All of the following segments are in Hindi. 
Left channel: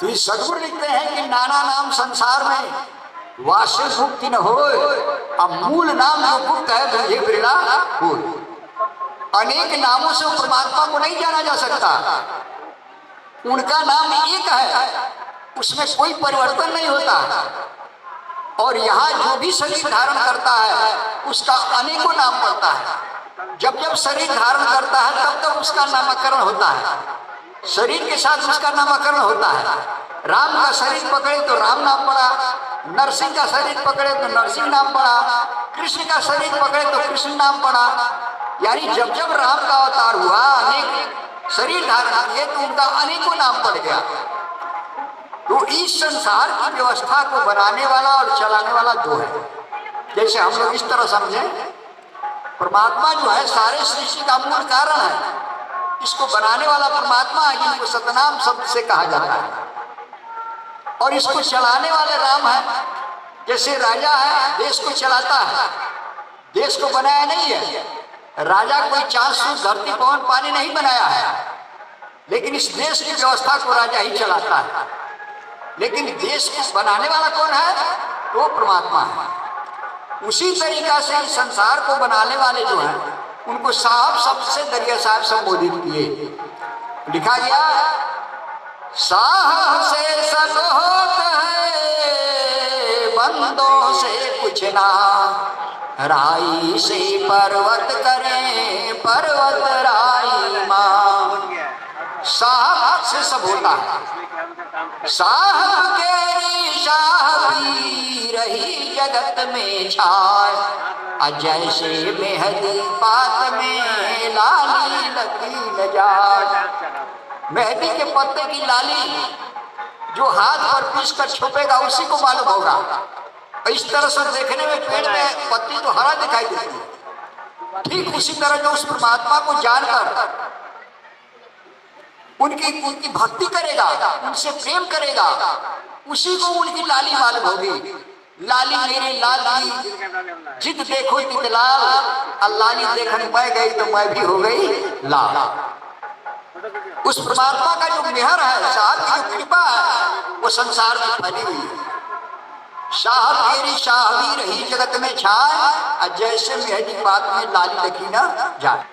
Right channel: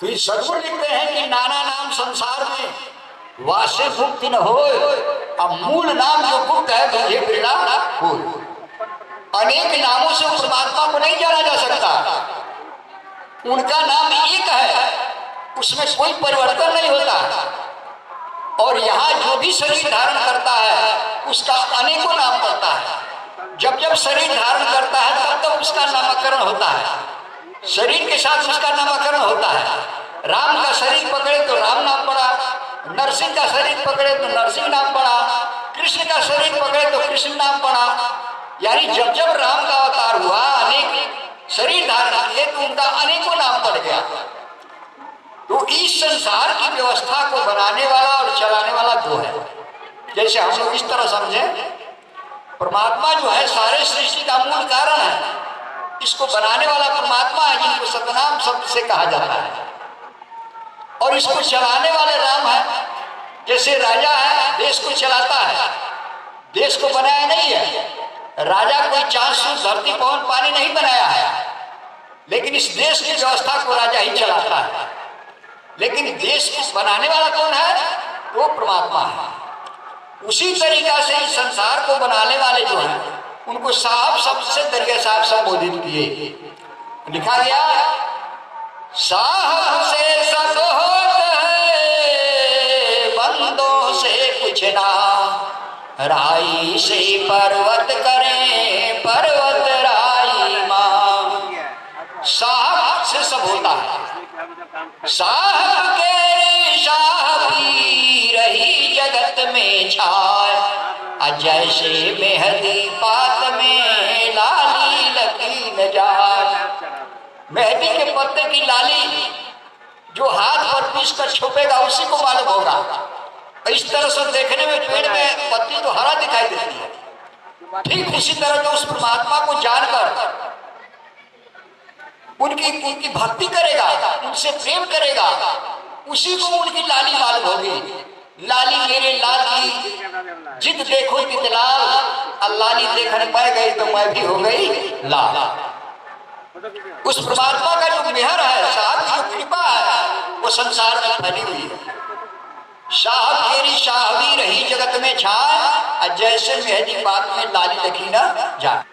तो ये सदगुरु लिखते हैं कि नाना नाम संसार में वासे मुक्ति न हो, अब मूल नाम जो गुप्त है गंधे बिरला हो। अनेक नामों से परमात्मा को नहीं जाना जा सकता, उनका नाम एक है, उसमें कोई परिवर्तन नहीं होता। और यहाँ जो भी शरीर धारण करता है उसका अनेकों नाम पड़ता है। जब जब शरीर धारण करता है तब तब उसका नामकरण होता है, शरीर के साथ उसका नामकरण होता है। राम का शरीर पकड़े तो राम नाम पड़ा, नरसिंह का शरीर पकड़े तो नरसिंह नाम पड़ा, कृष्ण का शरीर पकड़े तो कृष्ण नाम पड़ा। यानी जब जब राम का अवतार हुआ, अनेक शरीर धारण किए तो उनका अनेकों नाम पड़ गया। तो इस संसार की व्यवस्था को बनाने वाला और चलाने वाला दो है। जैसे हम लोग इस तरह समझे, परमात्मा जो है सारे सृष्टि का मूल कारण है, इसको बनाने वाला परमात्मा है जिनको सतनाम शब्द से कहा जाता है। और इसको चलाने वाले राम है। जैसे राजा है, देश को चलाता है, देश को बनाया नहीं है। राजा कोई चांद सूरज धरती पवन पानी नहीं बनाया है, लेकिन इस देश की व्यवस्था को राजा ही चलाता है। लेकिन देश को बनाने वाला कौन है? वो परमात्मा है। उसी तरीका से इस संसार को बनाने वाले जो हैं उनको साहब शब्द से दरिया साहब संबोधित किए। लिखा गया, साहब से सब होता है, बंदों से कुछ ना, राई से पर्वत करें, पर्वत राई मां। साहब से सब होता है। साहब के शाह पी रही जगत में छाय, जैसे मेहंदी पात में लाली लगी न जाए। मेहंदी के पत्ते की लाली जो हाथ पर पीस कर छुपेगा उसी को मालूम होगा। इस तरह से देखने में पेड़ में पत्ती तो हरा दिखाई देती है, ठीक उसी तरह जो उस परमात्मा को जानकर उनकी भक्ति करेगा, उनसे प्रेम करेगा, उसी को उनकी लाली मालूम होगी। लाली मेरे लाली जिद देखो तितलाल, लाली देखने पाए गई तो मैं भी हो गई लाल। उस परमात्मा का जो मेहर है, साहब की जो कृपा है, वो संसार में फैली हुई है। साहब तेरी शाहवी रही जगत में छाए, जैसे मेहंदी पात में लाली लगी ना जाए।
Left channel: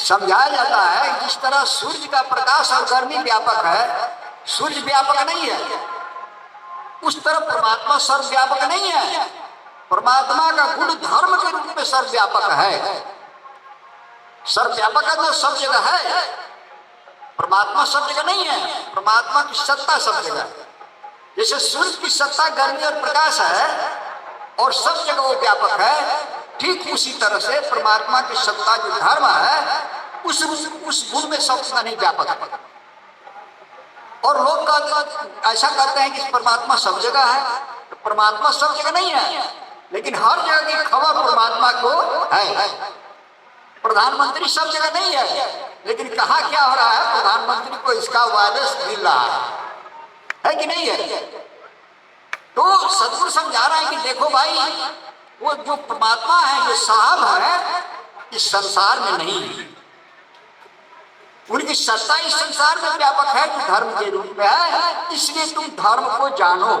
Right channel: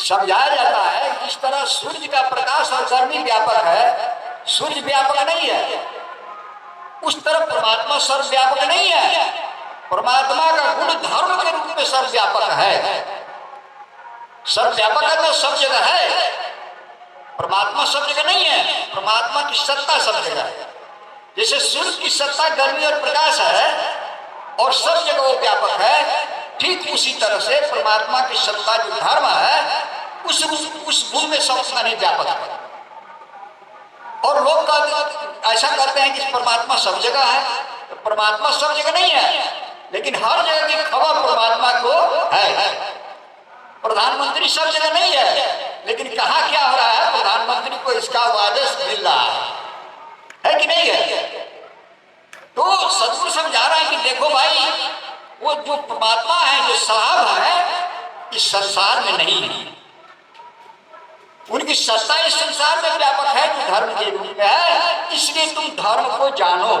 समझाया जाता है जिस तरह सूर्य का प्रकाश और गर्मी व्यापक है, सूर्य व्यापक नहीं है, उस तरह परमात्मा सर्वव्यापक नहीं है। परमात्मा का गुण धर्म के रूप में सर्वव्यापक है। सर्वव्यापक का तो सब जगह है, परमात्मा सब जगह नहीं है। परमात्मा की सत्ता सब जगह है। जैसे सूर्य की सत्ता गर्मी और प्रकाश है और सब जगह वो व्यापक है, ठीक उसी तरह से परमात्मा की सत्ता जो धर्म है उस गुण में सब नहीं व्यापक है। और लोग ऐसा करते हैं कि परमात्मा सब जगह है, तो परमात्मा सब जगह नहीं है, लेकिन हर जगह की खबर परमात्मा को है। प्रधानमंत्री सब जगह नहीं है, लेकिन कहाँ क्या हो रहा है, प्रधानमंत्री को इसका वायरस मिल रहा है कि नहीं है। तो सदगुरु समझा रहा है कि देखो भाई, वो जो परमात्मा है, जो साहब है, इस संसार में नहीं है। उनकी सत्ता इस संसार में व्यापक है, जो धर्म के रूप में है। इसलिए तुम धर्म को जानो,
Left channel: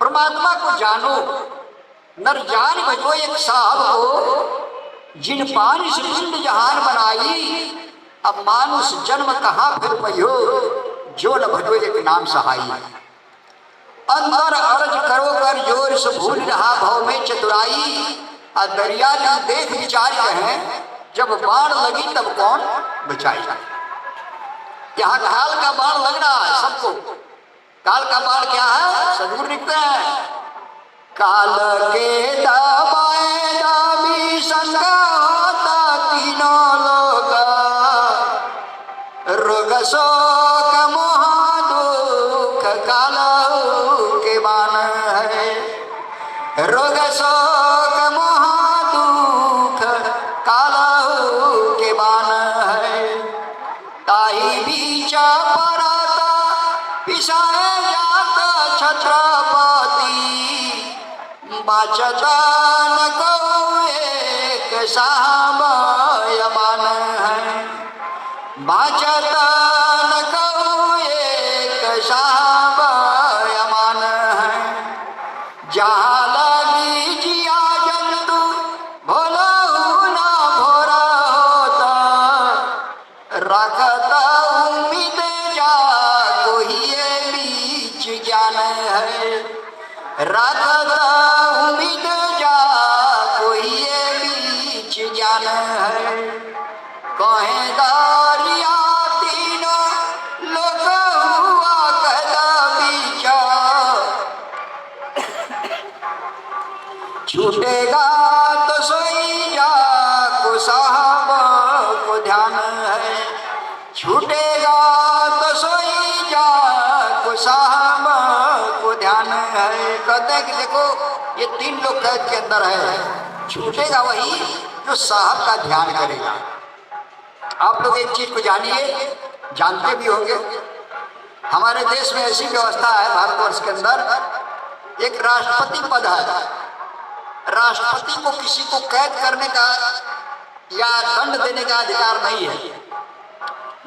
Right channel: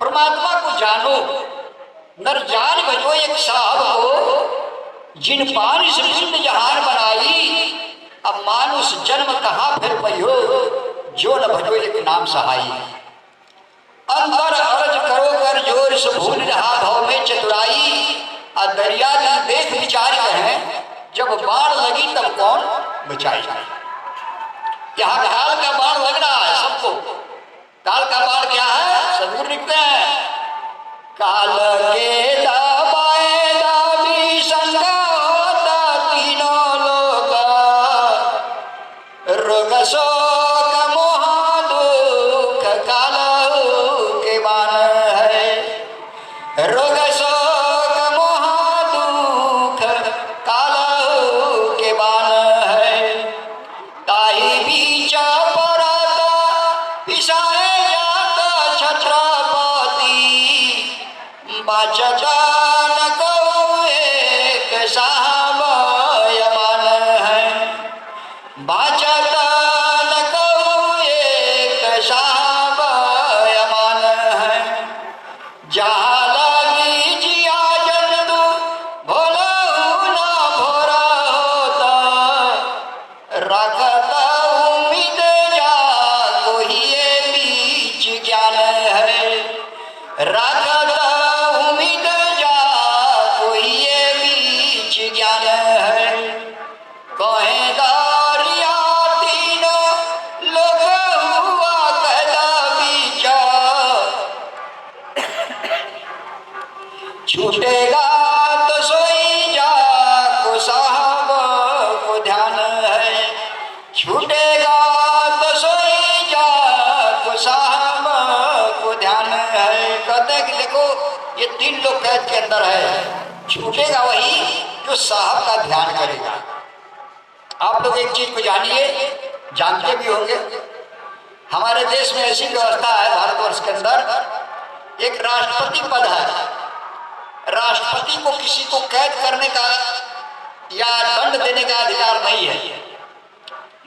परमात्मा को जानो। नर जान भजो एक साहब को, जिन पानी से पिंड जहान बनाई, अब मानुष जन्म कहाँ फिर पयो, जो न भजो एक नाम सहाई। अंतर अरज करो कर जोर से भूल रहा भव में चतुराई, दरिया जन देख विचार कहें, जब बाण लगी तब कौन बचाई। यहाँ काल का बाण लग रहा है सबको। काल का बाण क्या है? सदगुरु लिखते हैं, काल के दाबाए दाबी संगा होता तीनों लोग, रोग शोक मोह दुख काल के बाण है। रोग शोक मोह दुख काल के बाण है। ताई बीच पराता पिसाए जाता छत्रपति, बचता न को एक साहब यमान है। बचता न को रखता उम्मीद जा कोई ये बीच ज्ञान है, रखता उम्मीद जा कोई ये बीच ज्ञान है। कहेगा रिया तीनों लोग हुआ कहता विचार, छूटेगा तो सोई जा को साहब को ध्यान है, छूटेगा तो सोई जा को साहब को ध्यान है। कहते हैं कि देखो ये तीन लोग कैद के अंदर है, छूटेगा वही जो साहब का ध्यान करेगा। आप लोग एक चीज को जानिए, जानते भी होंगे, हमारे देश में ऐसी व्यवस्था है भारतवर्ष के अंदर, एक राष्ट्रपति पद है। राष्ट्रपति को किसी को कैद करने का या दंड देने का अधिकार नहीं है,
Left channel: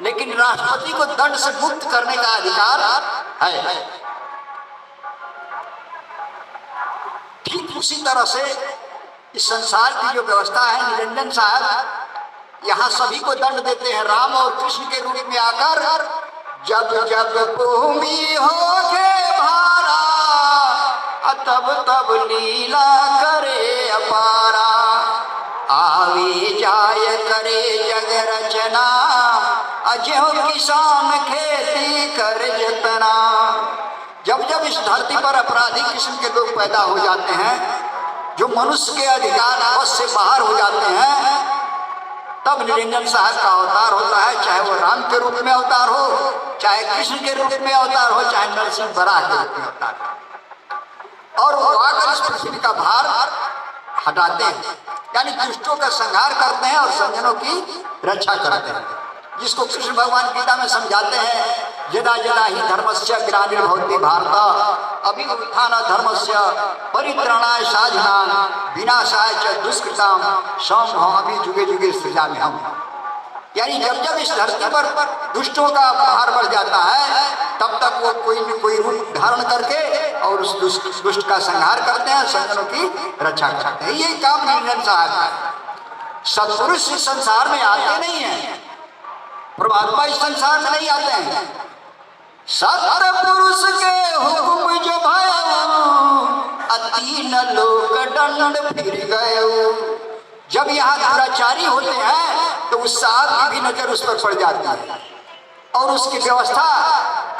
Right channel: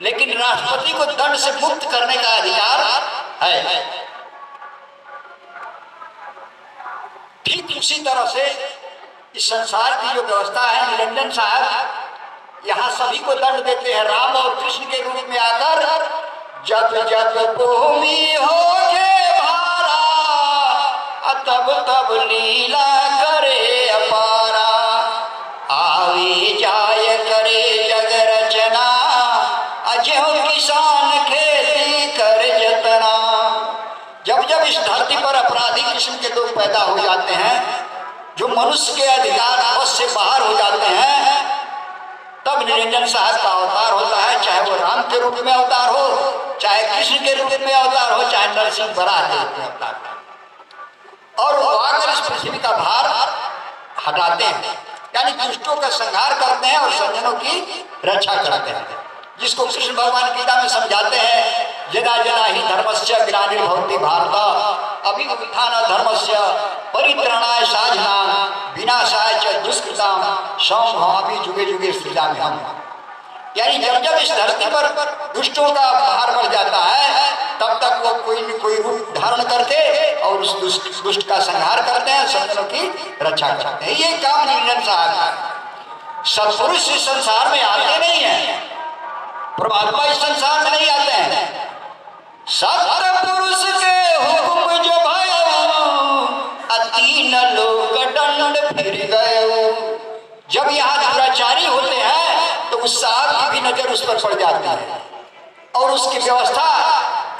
लेकिन राष्ट्रपति को दंड से मुक्त करने का अधिकार है। ठीक उसी तरह से इस संसार की जो व्यवस्था है, निरंजन साहब यहाँ सभी को दंड देते हैं। राम और कृष्ण के रूप में आकर जब जब भूमि होके भारा, तब तब लीला करे अपारा, आवे जाय करे जग रचना, अजो किसान खेती कर जतना। जब जब इस धरती पर अपराधी किस्म के लोग पैदा हो जाते हैं, जो मनुष्य के अधिकार बस से बाहर हो जाते हैं, तब निरंजन साहब का अवतार होता है। चाहे वो राम के रूप में अवतार हो, चाहे कृष्ण के रूप में अवतार हो, चाहे नरसिंह बराह के रूप में अवतार हो, और वो आकर इस पृथ्वी का भार हटाते हैं, यानी दुष्टों का संहार करते हैं और सज्जनों की रक्षा करते हैं। जिसको कृष्ण भगवान गीता में समझाते हैं, यदा यदा ही धर्मस्य ग्लानिर्भवति भारत अभ्युत्थान धर्मस्य परित्राणाय साधनाय विनाशाय च दुष्कृताम संभवामि जुगे जुगे सृजामि हम। यानी जब जब इस धरती पर दुष्टों का भार बढ़ जाता है, तब तक वो कोई न कोई रूप धारण करके और उस दुष्ट का संहार करते हैं, सज्जनों की रक्षा करते हैं। ये काम निरंजन साहब का। सत्पुरुष इस संसार में आते नहीं है, परमात्मा इस संसार में नहीं आते हैं। सत्पुरुष के हुक्म जो भयो, तीन लोग दंड फिर गए। जब यहाँ दुराचारी होते हैं तो उस साहब की भी नजर उस पर पड़ जाती है, और उसकी व्यवस्था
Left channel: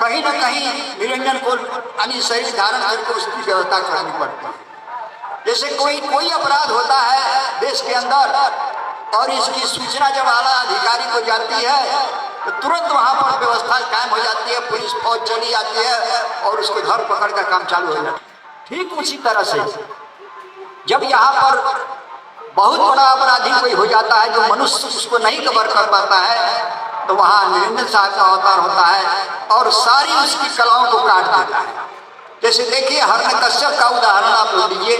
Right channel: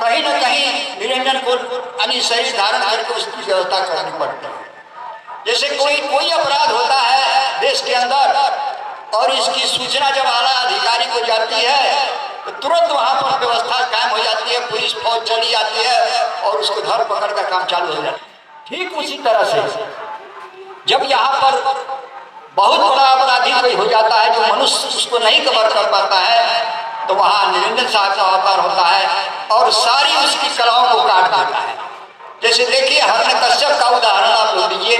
कहीं न कहीं निरंजन को यानी शरीर धारण करके उसकी व्यवस्था करनी पड़ती है। जैसे कोई अपराध होता है देश के अंदर, और इसकी सूचना जब आला अधिकारी को जाती है तो तुरंत वहां पर व्यवस्था कायम हो जाती है, पुलिस फौज चली आती है और उसको धर पकड़ का काम चालू हो जाता है। ठीक उसी तरह से जब यहाँ पर बहुत बड़ा अपराधी कोई हो जाता है जो मनुष्य उसको नहीं कवर कर पाता है, तो वहाँ निरंजन साहब का अवतार होता है और सारी उसकी कलाओं को काट देता है। जैसे देखिए हिरण्यकश्यप का उदाहरण आप लोग लीजिए।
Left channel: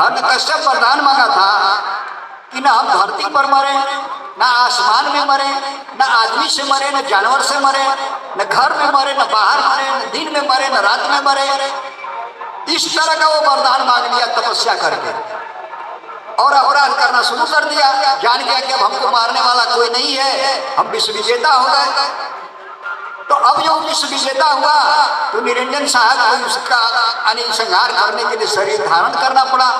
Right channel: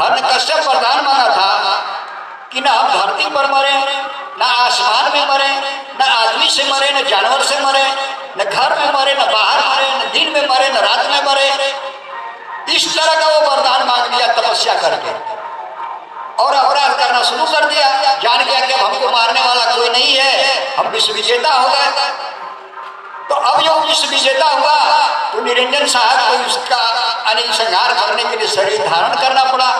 हिरण्यकश्यप वरदान मांगा था कि ना हम धरती पर मरे, ना आसमान में मरे, ना आदमी से मरे, न जानवर से मरे, न घर में मरे, न बाहर मरे, न दिन में मरे, न रात में मरे। इस तरह का वो वरदान मांग लिया तपस्या करके, और अपराध करना शुरू कर दिया। जान गया कि हमको मारने वाला कोई नहीं है, हम विश्व विजेता हो गए। तो अब जो विश्व विजेता हुआ तो निरंजन साहब को उसका संहार करने के लिए शरीर धारण करना पड़ा।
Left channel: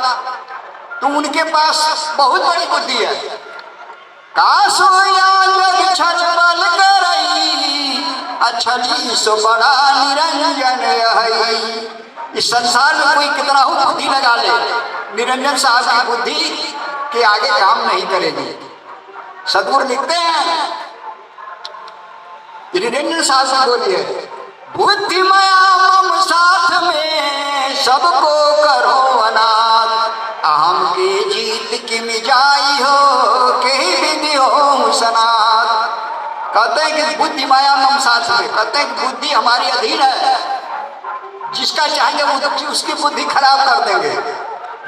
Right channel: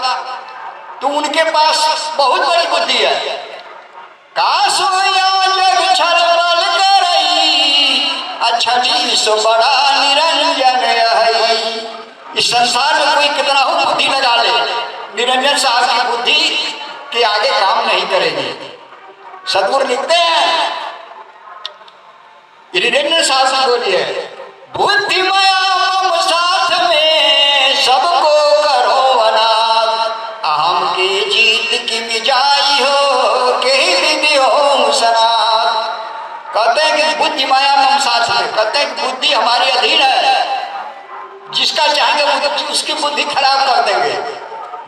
तो उनके पास बहुत बड़ी बुद्धि है। कासोया जग छल बल करई, अछली सो बड़ा निरंजन है। इस संसार में कोई कितना हो बुद्धि लगा ले, निरंजन साहब की बुद्धि के आगे काम नहीं करेगी। सदगुरु लिखते हैं, निरंजन साहब से बोलिए, बुद्धिमया मम साथ में सबको करो अनाथ, अहम के जीत की मिजाई हो के विधि हो सनात। कहते हैं कि बुद्धि माया मम साथ में, कहते हैं कि बुद्धि हमारी अधीन है, जिसका चाहेंगे वो उसकी बुद्धि खराब कर देंगे।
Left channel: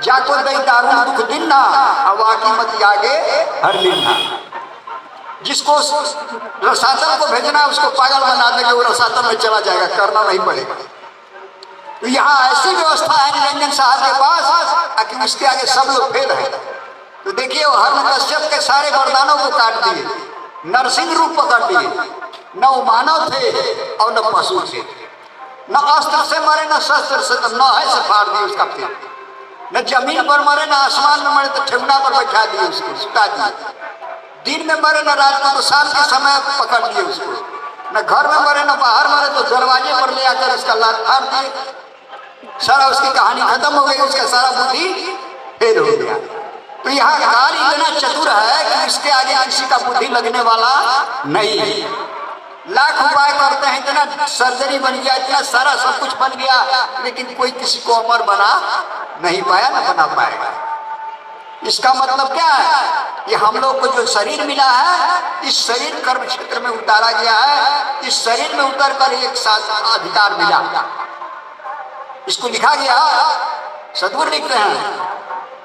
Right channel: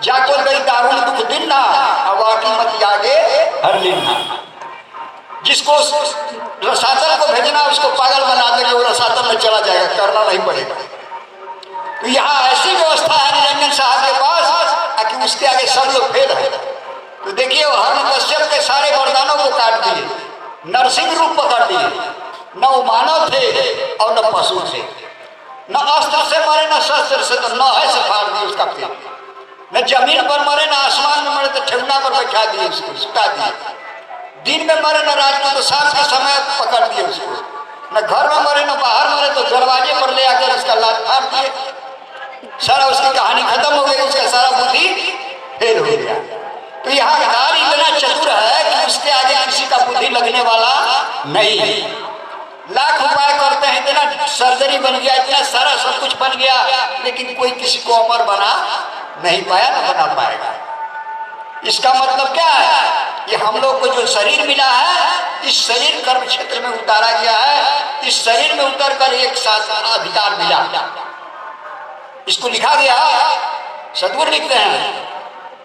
जाको गई दारुण दुख दिन्ना, अवाकी मत आगे हर लिन्ना। जिसको रसातल को भेजना उसको पागल बना देंगे, वो रसातल में चला जाएगा, करना नहीं पड़ेगा। तो यहाँ ऐसी व्यवस्था है निरंजन साहब के पास कि उसके आगे सब लोग फेल है। तो देखिए वो हिरण्यकश्यप के सारे वरदानों को काट दिए, नरसिंह रूप पकड़ लिए। न वो मानव थे और न पशु थे, न अस्त्र से मरे न शस्त्र से, तो न है से फाड़ दिए उसका पेट, न जमीन पर मरे न आसमान में मरे तो ठेवना पर बैठा दिए उसको, सुता दिए। दिन में मरे न रात को, तो शाम के समय पकड़ दिए उसको। न घर में मरे न बाहर मरे, तो दरवाजे पर ले आकर उसका लात फाड़ दिए। सारा उसकी कहानी खत्म हो गई, उसका सारा बुद्धि फेल हो गया। तो यहाँ काल इतना चतुर है कि उसके आगे किसी का बुद्धि लगने वाला नहीं है। लाख उपाय करते हैं, इतना सर्जरी बन गया, इतना सारा सब कुछ बन गया, लेकिन कोई किसी को अमर बना नहीं पाया, न बना पाएगा। इसका मतलब क्या है? ये हम लोग को जो शरीर मिला है, इस शरीर कर्म क्षेत्र में उतारा गया है। इस शरीर में उतर कर एक साथ अधिकार मिला। इसको लिखा गया, सदगुरु लिखते हैं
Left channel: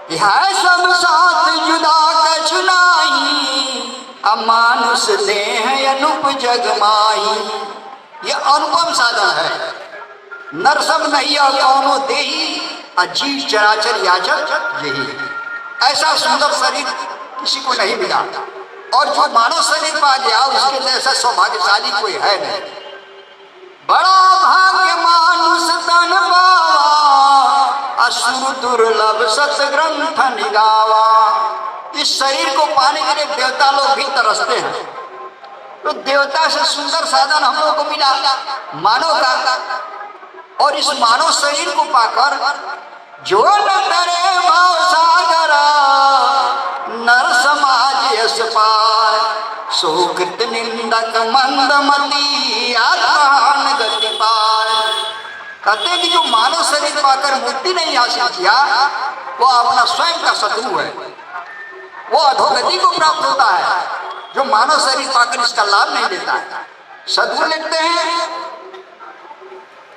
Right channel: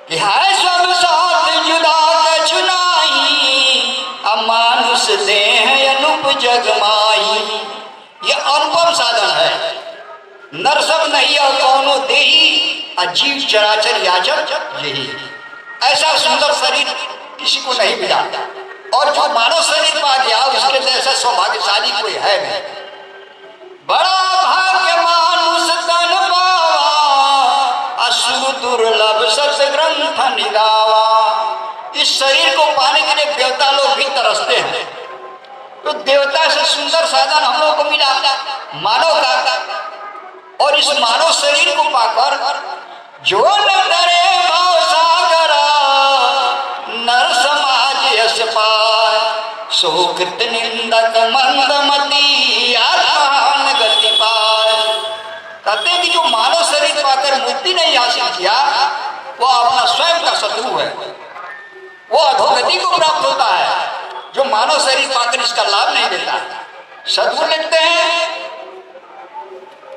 कि है सब साथ जुदा कछु नाहीं, अमानुष देह अनुप जगमाई। ये अनुपम साधन है, नर सब नहीं और कौनो देही, अजीव चराचर याचक यही। ऐसा सुंदर शरीर किसी को नहीं मिला, और जो मानव शरीर पा गया उसके जैसा सौभाग्यशाली कोई है नहीं। बड़ा भाग्य मानुष तन पावा, असुर दुर्लभ सत ग्रंथ निगावा। इस शरीर को पाने के लिए देवता लोग भी तरसते हैं, तो देवता से सुंदर साधन हम लोग को मिला मानव का। और इस मानव शरीर को पाकर जो न करे भाव सागरा, नर समाज यश पाय, सोकृत निंदक मंदमती, आत्मान गति पाय। कहते हैं कि जो मानव शरीर पाकर मुक्ति नहीं हासिल किया, वो अपना स्वयं का शत्रु है, वो अधोगति को प्राप्त होता है। जो मानव शरीर पाकर इसका लाभ नहीं देता। सदगुरु लिखते हैं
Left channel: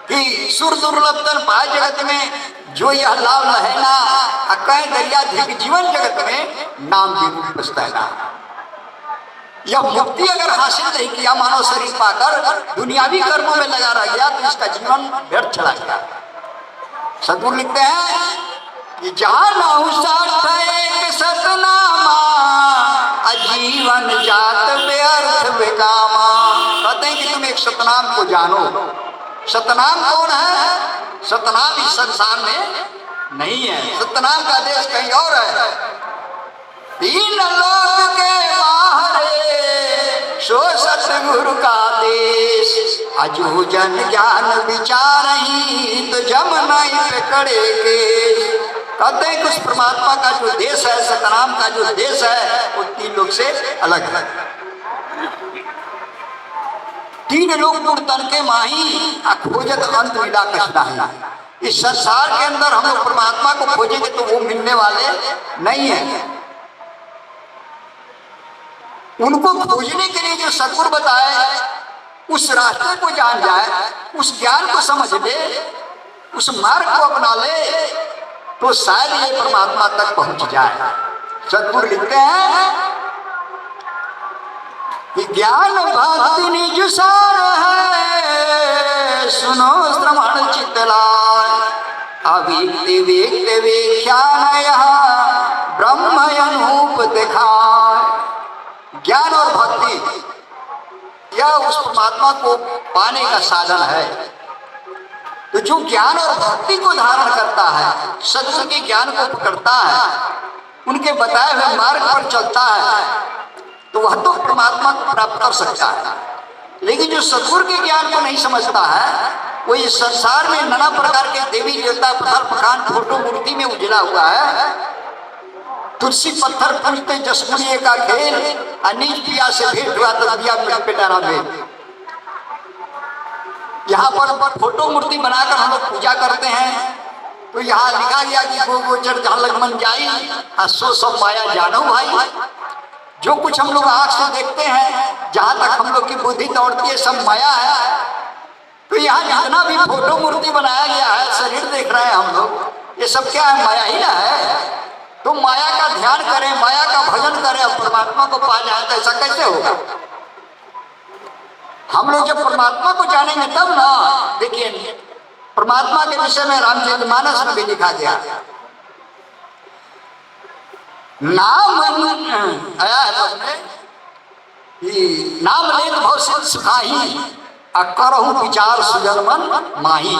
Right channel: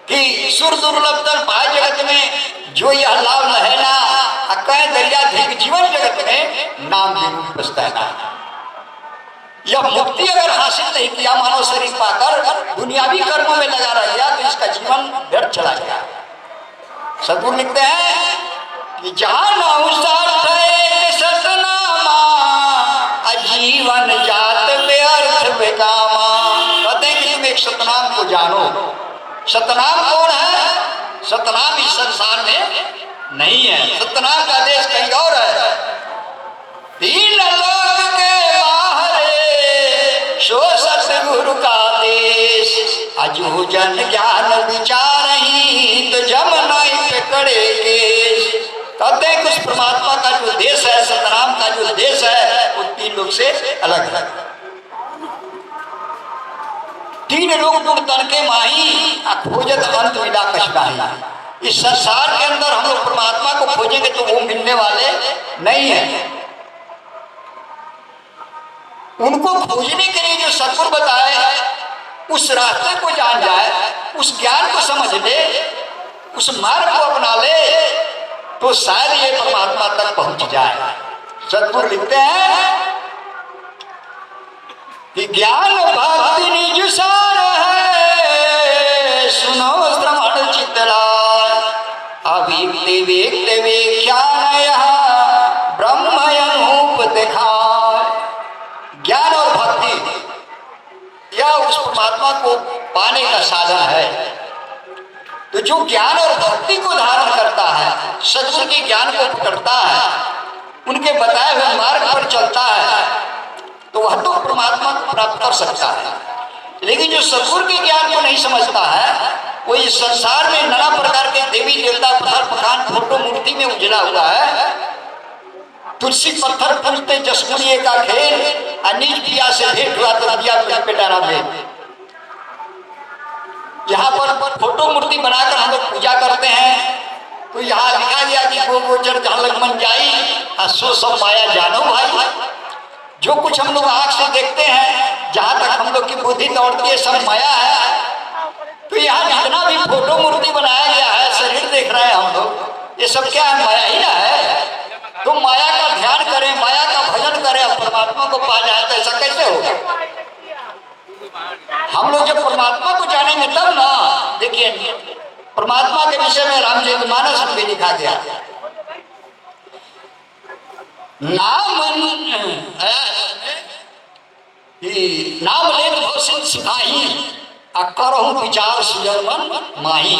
कि सुर दुर्लभ तन पाए जगत में, जो यह लाभ न है ना, कहे दरिया धिक जीवन जगत में, नाम भी पछताना। यह मुक्ति अगर हासिल नहीं किया मानव शरीर पाकर, दुनियावी कर्मों में लगा रह गया, तो इसका जीवन व्यर्थ चला गया। सदगुरु लिखते हैं कि जानो सार्थ एक सतनामा, अजीवन जात व्यर्थ बेकामा। कहते हैं कि तुम एक सतनाम को जानो। सतनाम कौन है? सतनाम इस संसार में नहीं है, सतनाम का देश कहीं और है। तीन लोक के बाहरे, सो सतगुरु का देश, अजो जन ज्ञान विचार ही, तो जम नहीं पकड़े केश। कहते हैं कि उस परमात्मा का जो देश है, सतनाम का जो देश है, वो तीन लोग से अलग है। तीन लोग गुण तन के माही, खोजत अंत मिला कछनाही। इस संसार के अंदर हम लोग परमात्मा को खोजेंगे तो वो मिलने वाले नहीं है। उनको खोजने के लिए जो सदगुरु बताए, उस रास्ते को जान जाए, उस ज्ञान को समझ ले, उस मार्ग को अपना ले, तो शायद ये परमात्मा तक पहुंच जाए। सदगुरु लिखते हैं कि ज्ञान भक्ति निज सार है, सुनो श्रवण चित्त लाय, अभिव्यक्ति व्यक्त व्याख्यान यहाँ ब्रह्म अनूप दिखाए। ज्ञान और भक्ति यह उस परमात्मा को पाने का साधन है। तो जो ज्ञान और भक्ति को धारण करता है, सदगुरु के ज्ञान को पकड़ता है, उनके बताए हुए मार्ग पर चलता है, तो वह तो परमात्मा को प्राप्त कर सकता है। लेकिन जो सदगुरु के ज्ञान को नहीं समझता है, वो इस संसार में नाना प्रकार के देवी देवता पत्थर पखान फोटो मूर्ति में उजला हुआ है। तुलसी पत्थर पूजते जसमुनिये का खेल, अनिज पिया से भेंट हुआ तो दिया पे डाला भेंट। यहाँ पर फोटो मूर्ति बनाकर हम लोग पूजा करते हैं, तो यहाँ लिखा गया कि गो गोचर जहाँ लग मन जाई, सो सब माया जानो भाई। जो कुछ हम लोग आंख से देखते हैं, जहाँ तक हम लोग की बुद्धि दौड़ती है, सब माया है। तो यहाँ जितना भी फोटो मूर्ति बनाया गया है, शरीर देख रहे हैं हम लोग, ये सब क्या है? माया ही ना है। तो माया का ध्यान करें, माया का भजन करें, और परमात्मा को पा जाए, तो ऐसा कैसे होगा? हम लोग जब परमात्मा को जानेंगे तब ना। देखिए, परमात्मा के विषय में रामचरितमानस में भी लिखा गया, नाम आया है कि नाम लेत भव सुखाही आ करहु विचार सुजन मन माही।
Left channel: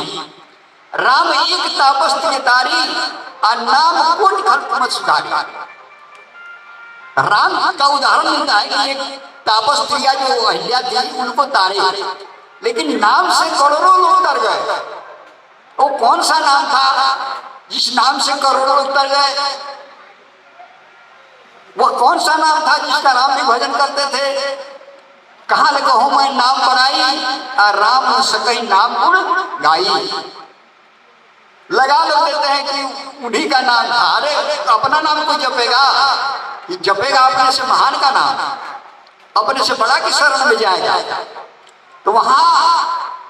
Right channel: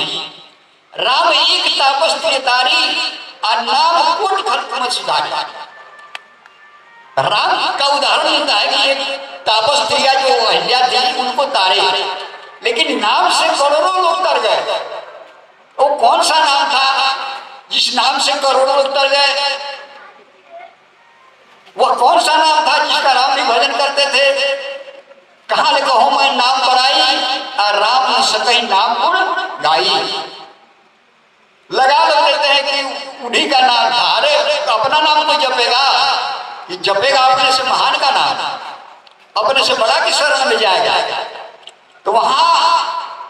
राम एक तापस तारी आ नाम कोट खल्क में सुधारी। राम का उदाहरण होता है कि एक तापस प्रिया जो अहिल्या थी उनको तारे, लेकिन नाम से करोड़ों लोग तर गए। वो कौन सा नाम था जिस नाम से करोड़ों लोग तर गए? वह कौन सा नाम था जिसका राम भी भजन करते थे? कहाँ लिखो हो मैं नाम बनाई और राम सकई नाम गुण गाई। लगा देते हैं कि उन्हीं का नाम था। अरे अपना नाम कोई जपेगा? कि जपेगा अपने से महान का नाम, अपने से बड़ा की शरण में जाएगा। तो वहां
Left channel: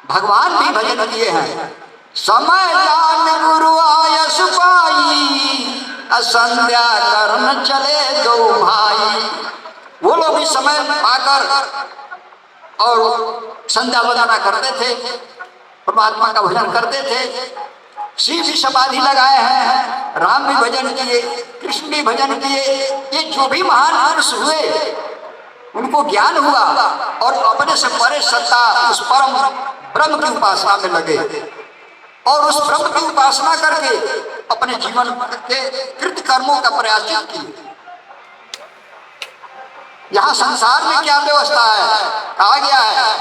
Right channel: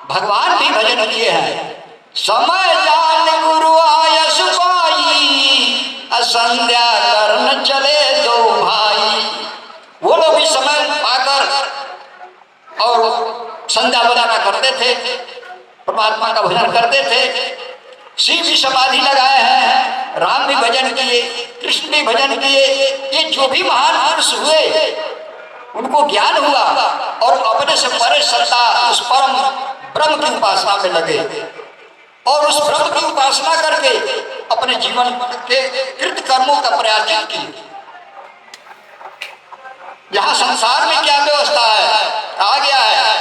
भगवान भी भजन किए हैं। समय जान गुरु आय सुपाई असंध्या करन चले दो भाई। वो लोग भी समय पाकर और संध्या बजाना करते थे, परमात्मा का भजन करते थे। शिव जी समाधि लगाए हैं, राम भी भजन किए, कृष्ण भी भजन किए। ये जो भी महान पुरुष हुए उनको ज्ञान हुआ और अपने से परे सत्ता उस परम ब्रह्म की उपासना में लगे और उस ब्रह्म की उपासना करके अपने जीवन के कृत कर्मों का प्रायश्चित किए। यहाँ संसार में क्या व्यवस्था है? आ गया है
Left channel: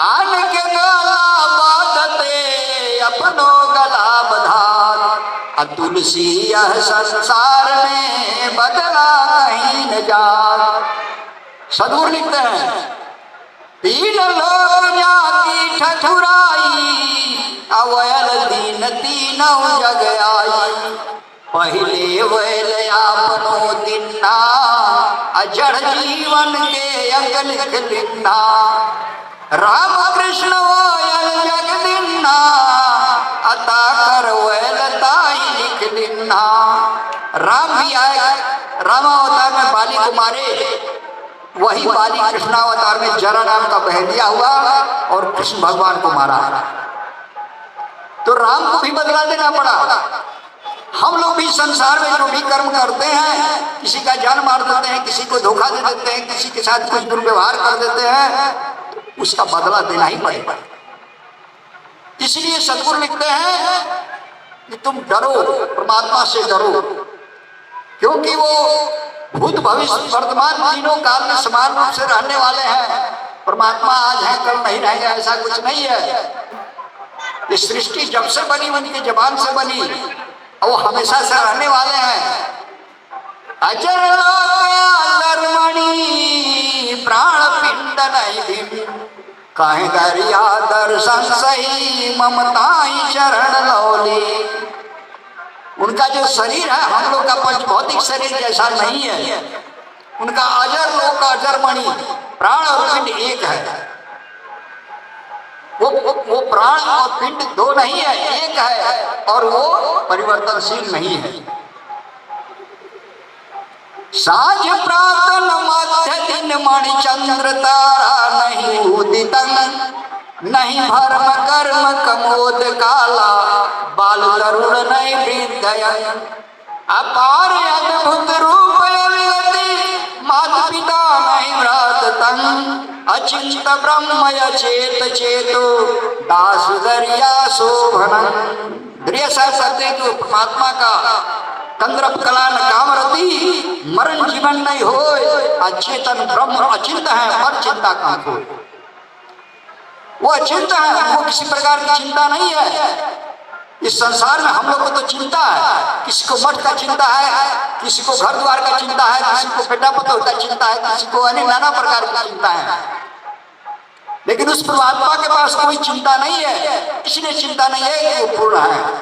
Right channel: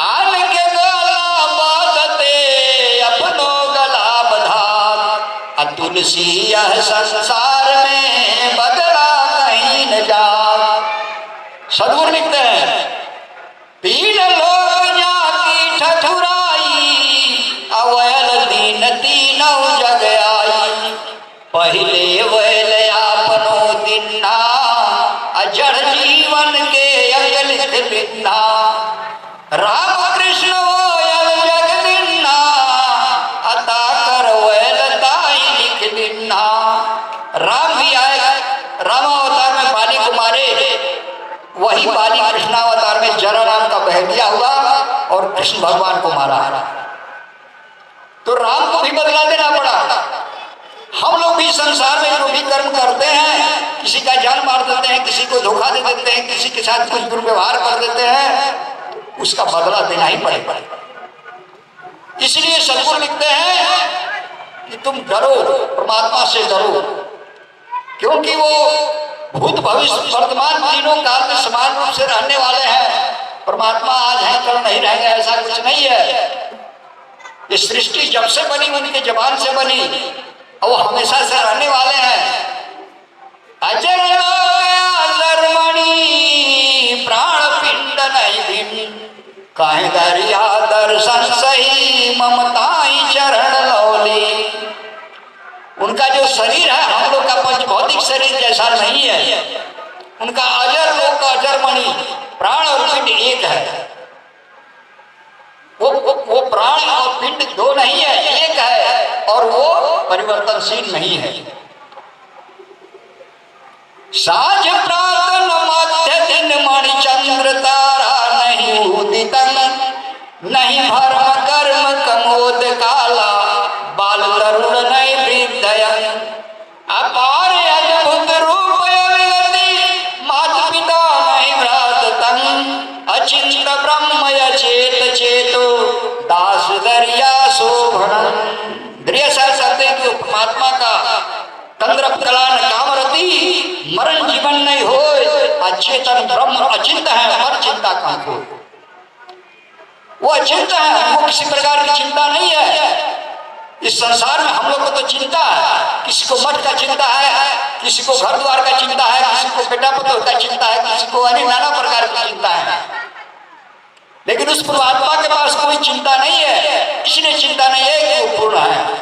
आन के गला बाधते अपनो गला बधार, तुलसी यह संसार में बदला कहीं न जा। सदगुरु लिखते हैं पीन लोग जाकी ठठुराई अवैल दीन तीनों जग आई। पहले वैल आपनो दिन्ना अजड़ जीवन के अंग लिख लिखना। राम कृष्ण वैल जग दिन्ना अता कर वैल ताई लिख लिखना। राम भी आए, रामावतार में बाली को मारे, वही बाली कृष्णावतार में जरा नाम का बहलिया हुआ और कृष्ण भगवान को मारा है। तो राम को भी बदला देना पड़ा। हम लोग भी संसार में जो भी कर्म करते हैं, किसी का जान मार देते हैं, किसी को धोखा दे देते हैं, किसी के साथ कुछ दुर्व्यवहार कर देते हैं, उसका बदला देना ही पड़ेगा। इसलिए सदगुरु लिखते हैं कि तुम डरो, परमात्मा से डरो, क्योंकि वो भूत भविष्य वर्तमान तीनों काल में समान रूप से रहने वाले हैं। परमात्मा आज है कल नहीं रहेंगे, ऐसा कुछ नहीं है। ये सृष्टि जब से बनी उनकी जबान से बनी और वो हमेशा से रहने वाले हैं। अजर अजरमणि प्राण पिंड नहीं भिन्न, काहे गरिया दर्शन सही ममताई चरण लौली। उनका जो शरीर है हम लोग का पंच भौतिक शरीर जैसा नहीं है। उनका अजर लोग का अजरमणि प्राण और पिंड एक है। वो प्राण और पिंड दो नहीं है, एक है और वो परिवर्तनशील नहीं है। साँझ प्रातन मध्य दिन मणि चंद्र तारा नहीं उदित, नहीं भर्म कर्म कमोद काला बाल तरुण नहीं वृद्ध। अपार अद्भुत रूप अविगति माता पिता नहीं भ्रात तन, अचिंत ब्रह्म अचेत चेतो दास दरिया शोभन। दरिया सत्य को परमात्मा का तंद्र कलान कामरती मरण जीवन नहीं हो। अचेतन ब्रह्म अचिंत है, पर चिंता कहाँ को? वो अचिंत है, वो किसी प्रकार की चिंता नहीं है। इस संसार में हम लोग को तो चिंता है, किसी को मठ का चिंता है, किसी को घर द्वार का चिंता है, किसी को बेटा पतोह का चिंता है, किसी को अनेक नाना प्रकार की चिंता है। लेकिन उस परमात्मा के पास कोई चिंता नहीं है, इसलिए चिंता नहीं है कि वो पूर्ण है।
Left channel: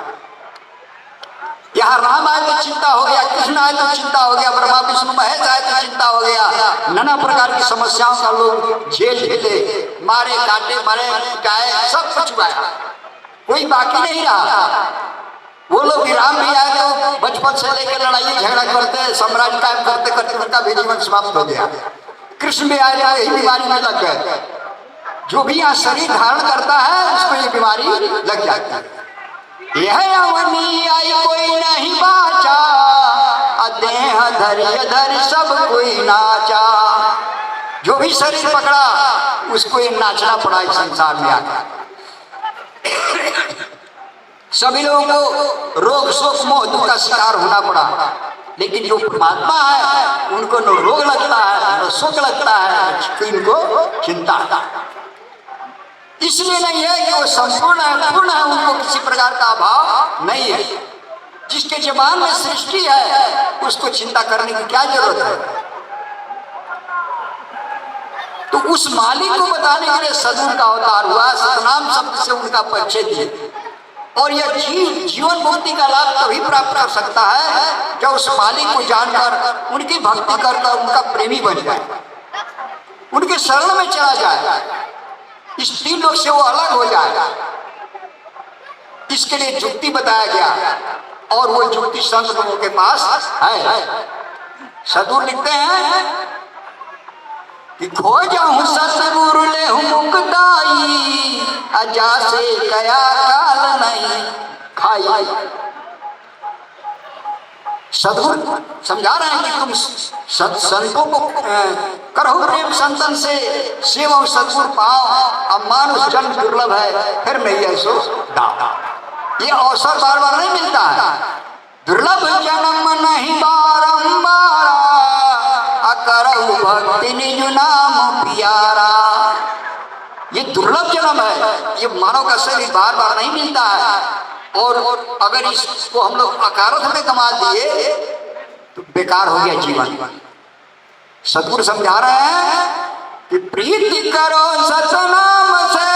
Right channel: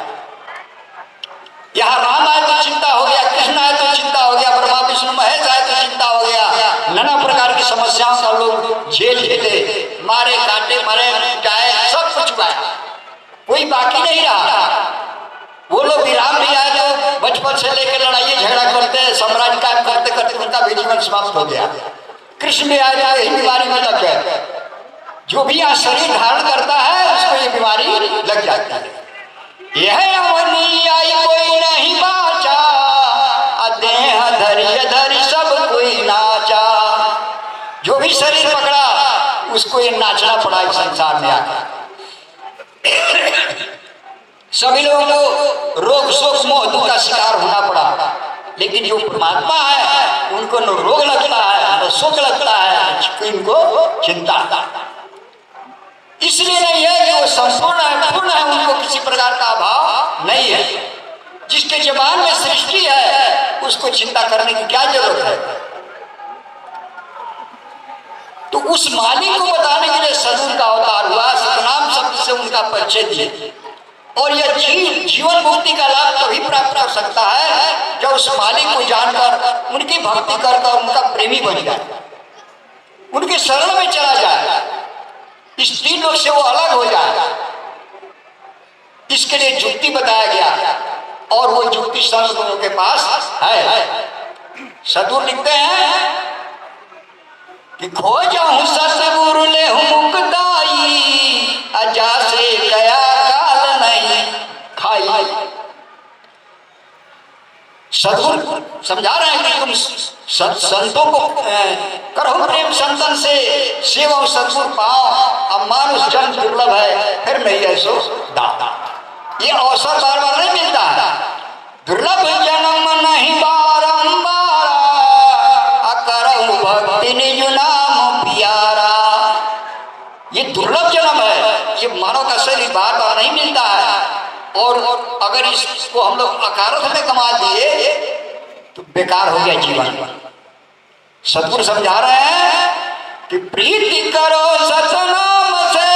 यहाँ राम आए तो चिंता हो गया, कृष्ण आए तो चिंता हो गया, ब्रह्मा विष्णु महेश आए तो चिंता हो गया। नाना प्रकार की समस्याओं का लोग झेल झेले, मारे काटे मरे जाए, सब कुछ हुआ, कोई बाकी नहीं रहा। वो लोग राम भी आए तो बचपन से लेकर लड़ाई झगड़ा करते, साम्राज्य कायम करते करते उनका भी जीवन समाप्त हो गया। कृष्ण भी आए तो यही बीमारी में लग गए। जो भी यहाँ शरीर धारण करता है उसको ये बीमारी लग जाती है। यह अवनी आई कोई नहीं बाचा, देह धरि धरि सब कोई नाचा। जो भी शरीर पकड़ा उसको ये नाचना पड़ा इस संसार में आकर। सभी लोगों को रोग शोक मोह दुख का शिकार होना पड़ा, लेकिन जो परमात्मा है उनको न रोग लगता है न शोक लगता है, इनको चिंता। इसलिए नहीं है कि वो संपूर्ण है, पूर्ण है, उनको किसी प्रकार का अभाव नहीं है। जिसके जबान में सृष्टि है उसको चिंता करने की क्या जरूरत है। तो उस मालिक को बताने के लिए सदगुरु का अवतार हुआ, सतनाम शब्द से उनका परिचय दिए। और यह जीवन मुक्ति का लाभ तभी प्राप्त कर सकता है जब उस मालिक को जानकर उनकी भक्ति करकर उनका प्रेमी बन जाए, उनके शरण में चला जाए, इस तीन लोग से वो अलग हो जाए। इसके लिए जुक्ति बताया गया और वो जुक्ति संत लोगों के पास है। सदगुरु लिखते हैं कि खो जाऊं सतगुरु ले मुक्ताई, अजा से गया काल नहीं खाई। सदगुरु समझा रहे हैं कि तुम संतों को करो प्रेम, संतन से सेवा सदगुरु पाओ। अब मानुष जन्म दुर्लभ है, फिर नहीं है सो दाता। ये अवसर बार बार नहीं मिलता है। दुर्लभ जन्म नहीं बारंबार, अकरहु भक्ति निज नाम प्यारा। ये दुर्लभ जन्म है, ये मानव का शरीर बार बार नहीं मिलता है। और अगर इसको हम लोग अकारथ में कमा दिए तो बेकार हो गया जीवन। सदगुरु समझा रहे हैं कि प्रीति करो सतनाम से,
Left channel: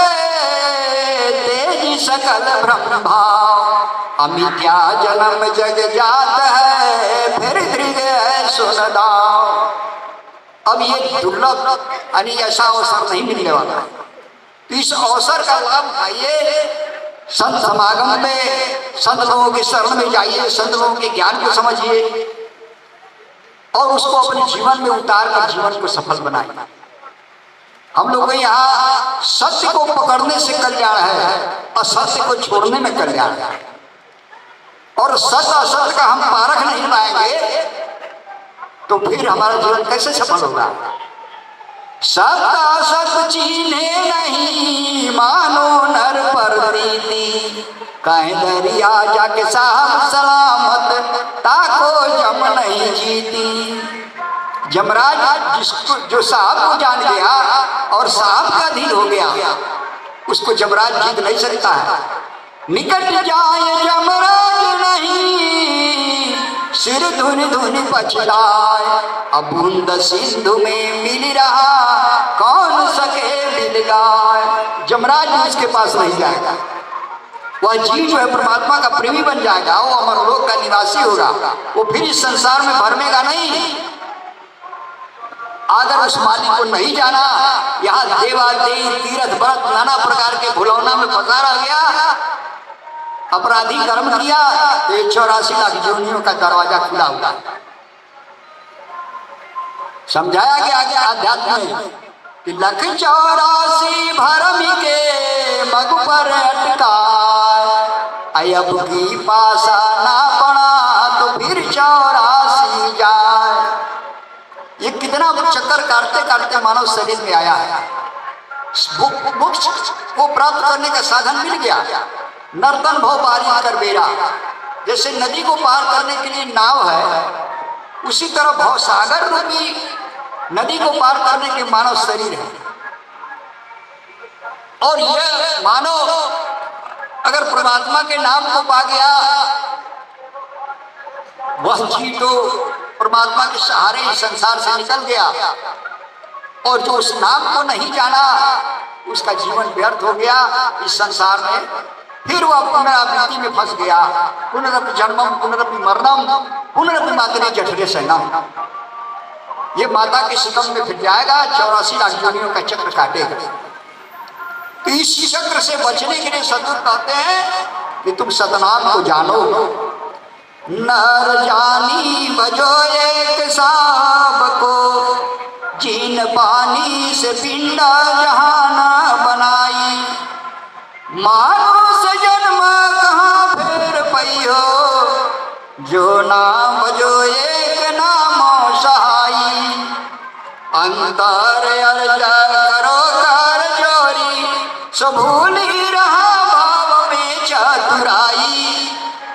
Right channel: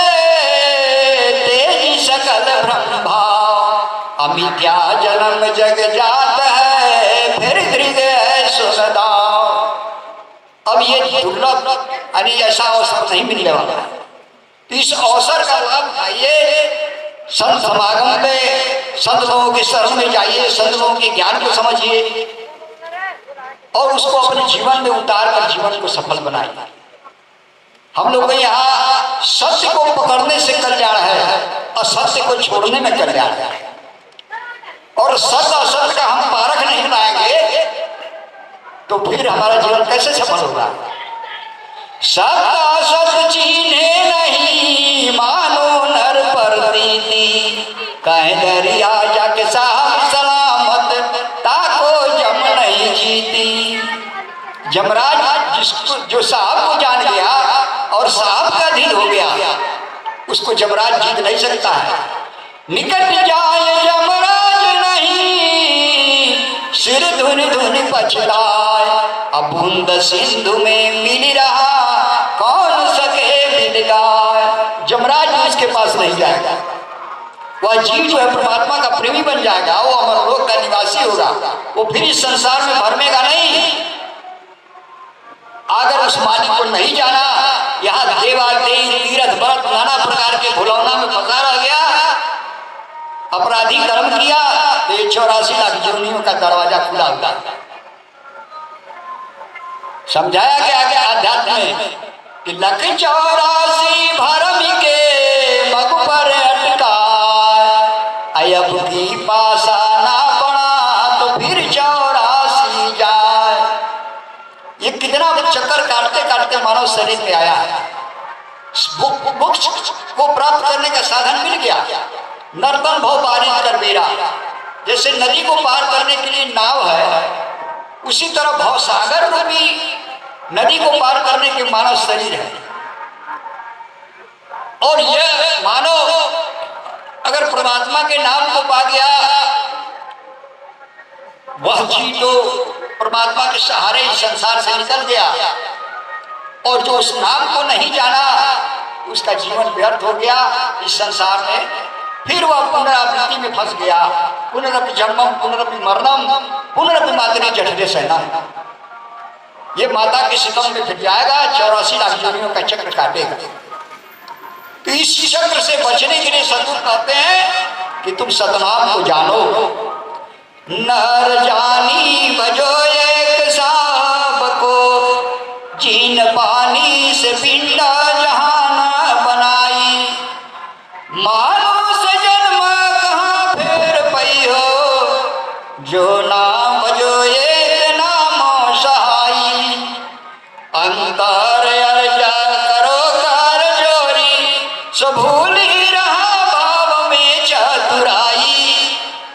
तेजी सकल ब्रह्म भाव। अमित्या जन्म जग जात है, फिर दृढ़ है सुनदाओ। अब ये दुर्लभ यानी ऐसा अवसर नहीं मिलने वाला है, तो इस अवसर का लाभ उठाइए। संत समागम में संत लोगों के शरण में जाइए, संत लोगों के ज्ञान को समझिए और उसको अपने जीवन में उतार कर जीवन को सफल बनाइए। हम लोग यहाँ सत्य को पकड़ने से कल्याण है, असत्य को छोड़ने में कल्याण है। और सत्य असत्य का हम पारख नहीं पाएंगे तो फिर हमारा जीवन कैसे सफल होगा। सत्य असत्य चीन्हे नहीं, मानो नर पर प्रीति। कहीं दरिया जाके साहब सलामत, ताको जम नहीं जीती। जमराज जिसको जो साहब को जान गया और साहब का अधीन हो गया, उसको जमराज जीत नहीं सकता है। निकट जाए जमराज नहीं, सिर धुन धुन पछताए। अब बूंद सिंधु में मिल रहा, कौन सके मिल गाय। जमराज भी इसके पास नहीं जाएगा। वह जीव जो है परमात्मा का प्रेमी बन जाएगा, वो अमरलोक का निवासी होगा, वो फिर इस संसार में भरमेगा नहीं। अगर उस मालिक को नहीं जाना, यहाँ देवादेव तीर्थ व्रत नाना प्रकार के भुलौना में फंसा रह गया, अपराधी कर्म किया, तो 84 लाख योनियों का दरवाजा खुला हुआ। समझाया गया आगे अध्यात्म में कि लख 84 भरम के मग पर अटका, अब की पासा ना बना तो फिर 84 जाए। ये कितना चक्कर काटते काटते मानव शरीर में आया है। मोक्ष को प्राप्त करने का साधन मिल गया। नर्तन भव पारी कर बेरा, जैसे नदी को पार करने के लिए नाव है, उसी तरह भवसागर रूपी नदी को पार करने के मानव शरीर है। और यह मानव अगर परमात्मा के नाम को पा गया, वह जीव तो परमात्मा के सहारे इस संसार से निकल गया। और जो उस नाम को नहीं जाना, उसका जीवन व्यर्थ हो गया इस संसार में। फिर वह पुनरावृत्ति में फंस गया। पुनरपि जन्मम पुनरपि मरणम पुनरपि मातरे जठरे शयनम। ये माता के सितम में फिर जाएगा, 84 लाख योनियों का चक्र काटेगा। तो इस चक्र से बचने के लिए सदगुरु कहते हैं कि तुम सतनाम को जानो। नर जानी बजो एक साहब को, जीन पानी से पिंडा जहाना बनाई। मानुष जन्म कहाँ फेर पई हो, जो नाम बजो एक नाम सहाई। अंतर सो भूल ही रहा भाव में चतुराई,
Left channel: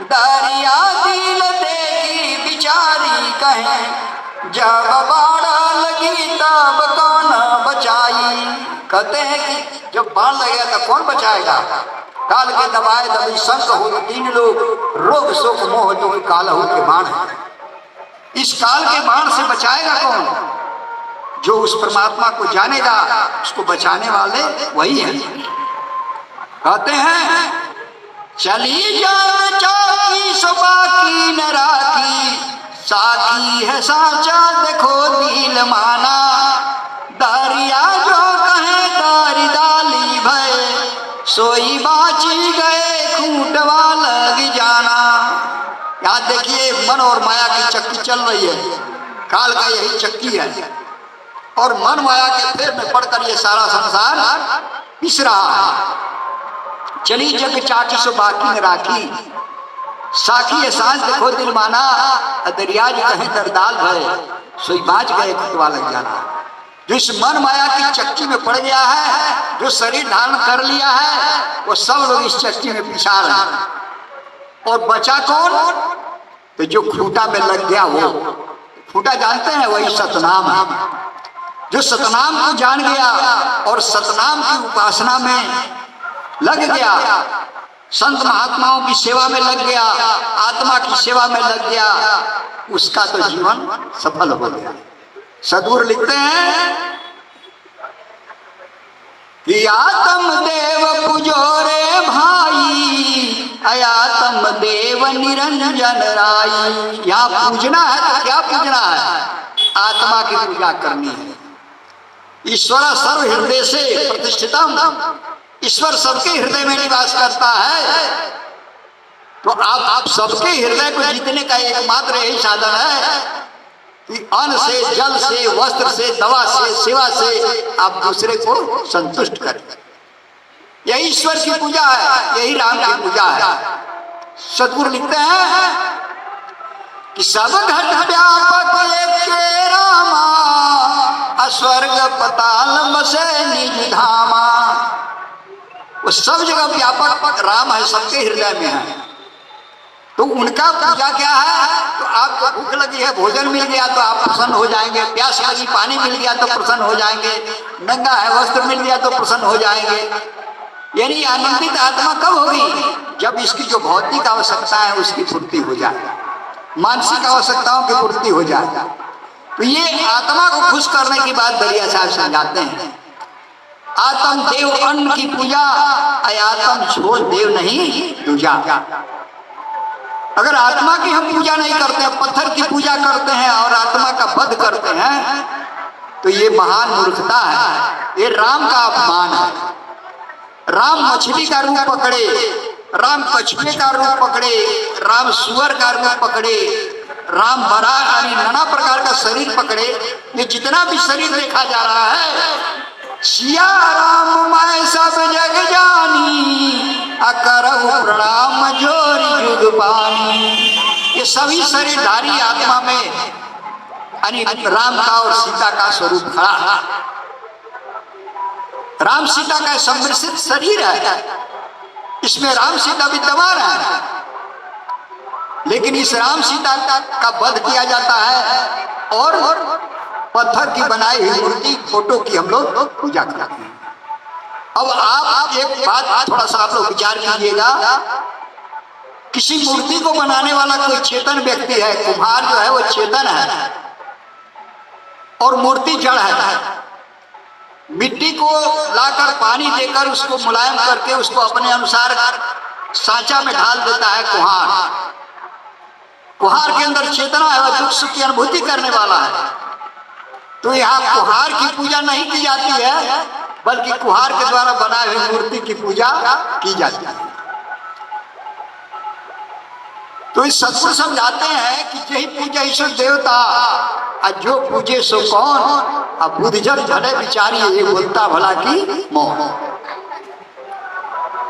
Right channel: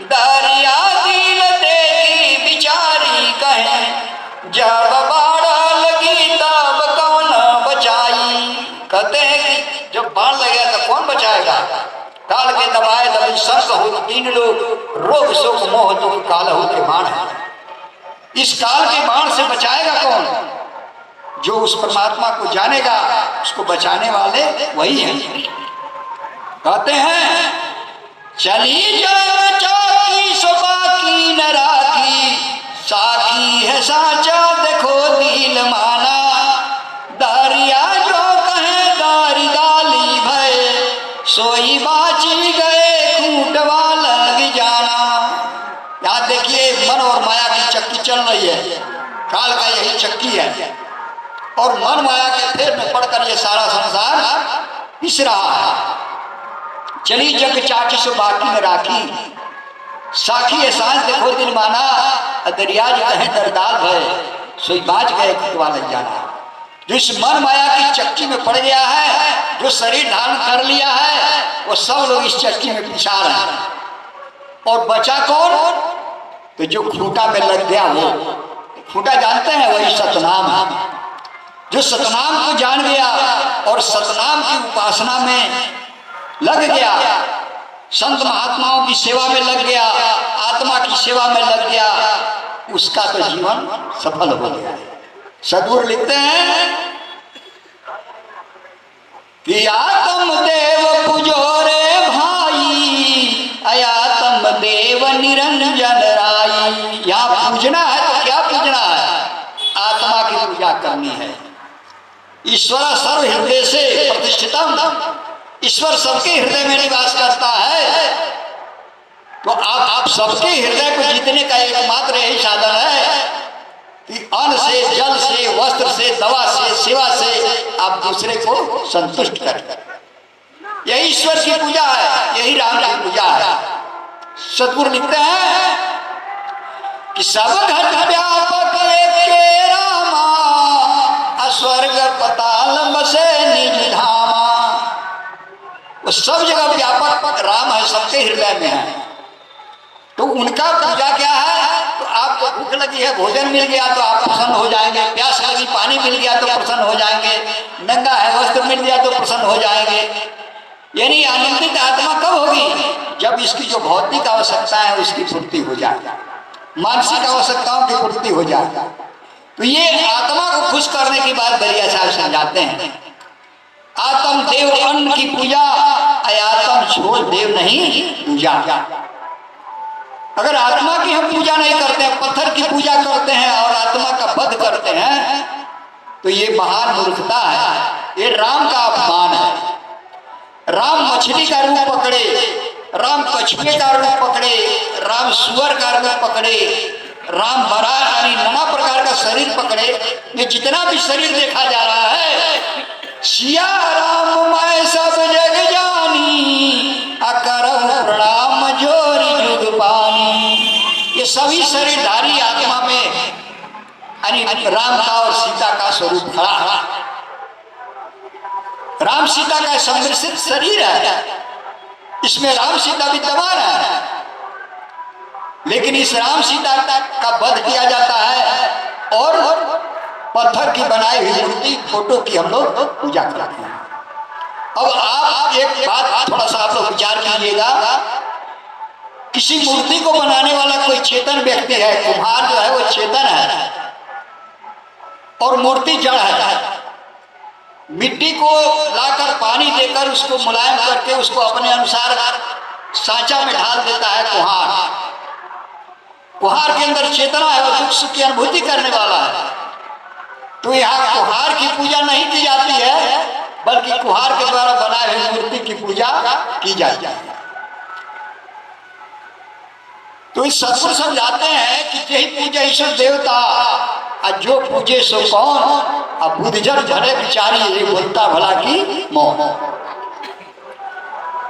दरिया दिल देखी बिचारी कहे, जब बाढ़ लगी तब कौन बचाई। कहते हैं कि जब बाढ़ लगेगा तो कौन बचाएगा। काल के दबाए दबी संक हो तीन लोग, रोग शोक मोह दुख काल हो के बाण है। इस काल के बाण से बचाएगा कौन। जो उस परमात्मा को जानेगा उसको बचाने वाले वही हैं। कहते हैं चली जाए चौकी सो बाकी न राखी, साकी है साचा देखो दिल माना, दरिया जो कहे दारी डाली भय, सोई बाची गए खूंटवा लग जाना। यहाँ देखिए मन और माया की चक्की चल रही है, काल का यही चक्की है और मन माया के फेर में पड़कर ये सारा संसार पिस रहा है। चली जग चाकी सो बाकी में राखी, साखी एहसास देखो दिल माना, दरिया जो कहे दरदाल भय, सोई बाज गए खुटवा लग जाना। जो इस मन माया की चक्की में पड़ गया है, जो शरीर धारण कर लिया है, वो सब लोग इस चक्की में पिसा रहे हैं। और बचा कौन। तो जो खूंटा में लग गया वो खूंटा जानते हैं, वही सतनाम है। जो सतनाम को जान गया और सतनाम की उपासना में लग गया, संत महात्माओं की सेवा में लग गया, आत्मा की सेवा में लग गया, उसका तो जीवन सफल हो गया। सदगुरु लिखते हैं कि आत्म देव पुजोरे भाई, आत्म देव निरंजन राई। यहाँ पूजना है तो क्या पूजना है। आत्मा की पूजा करनी है। ईश्वर सर्व हृदय से प्रतिष्ठितम, ईश्वर सबके हृदय में निवास करता है। तो आप सबके हृदय को जीतने का एकमात्र यही साधन है कि अन्न से, जल से, वस्त्र से, दवा से, सेवा से आप दूसरे को संतुष्ट करें। यही ईश्वर की पूजा है, यही राम की पूजा है। सतगुरु लिखते हैं कि सब घट व्यापक एक रामा, स्वर्ग पताल बसे निज धामा। वो सब जगह व्यापक राम है, सबके हृदय में है। तो उनका पूजा क्या है। तो आपको भूख लगी है, भोजन मिल गया तो आप प्रसन्न हो जाएंगे, प्यास लगी पानी मिल गया तो प्रसन्न हो जाएंगे, नंगा है वस्त्र मिल गया तो प्रसन्न हो जाएंगे। यानी आनंदित आत्मा कब होगी, जब इसकी जो भौतिक आवश्यकता है उसकी पूर्ति हो जाए, मानसिक आवश्यकताओं की पूर्ति हो जाए। तो ये आत्मा को खुश करने की बात दरिया साहब समझाते हैं। आत्म देव अन्न की पूजा, आत्म छोड़ देव नहीं दूजा। अगर आत्मा की हम पूजा नहीं करते हैं, पत्थर की पूजा करते हैं और आत्मा का वध करते हैं, तो ये महान मूर्खता है, ये राम का अपमान है। राम मछली का रूप पकड़े, राम कछुए का रूप पकड़े, राम सुअर का रूप पकड़े, राम बरा यानी नाना प्रकार का शरीर पकड़े। ये जितना भी शरीर देखा जा रहा है, सिया राम मैं सब जग जानी, अकरहु प्रणाम जोरी जुग पानी। ये सभी शरीरधारी आत्मा में यानी राम का और सीता का स्वरूप खड़ा है। राम सीता का सम्मिश्रित शरीर है, इसमें राम सीता विद्यमान है। लेकिन इस राम सीता का वध किया जाता है और पत्थर की बनाई हुई मूर्ति, फोटो की हम लोग पूजा करते हैं। अब आप एक बात थोड़ा सा आप लोग विचार कीजिएगा, किसी मूर्ति को बनाने वाला कोई चेतन व्यक्ति है, कुम्हार जो है वो चेतन है और मूर्ति जड़ है। मिट्टी को लाकर पानी देकर उसको मुलायम करके उसको अपने अनुसार सांचा में ढाल देता है कुम्हार। कुम्हार के अंदर चेतना है, वह दुख सुख की अनुभूति करने वाला है। तो यहाँ कुम्हार की पूजा नहीं की जाती है, बल्कि कुम्हार के द्वारा बनाए हुए मूर्ति की पूजा की जाती है। तो इस सत्सुर समझाते हैं कि यही पूजा ईश्वर देवता, जो पूजे सो कौन, अब बुद्धजन भले बिचारी ये बोलता भला की मोह।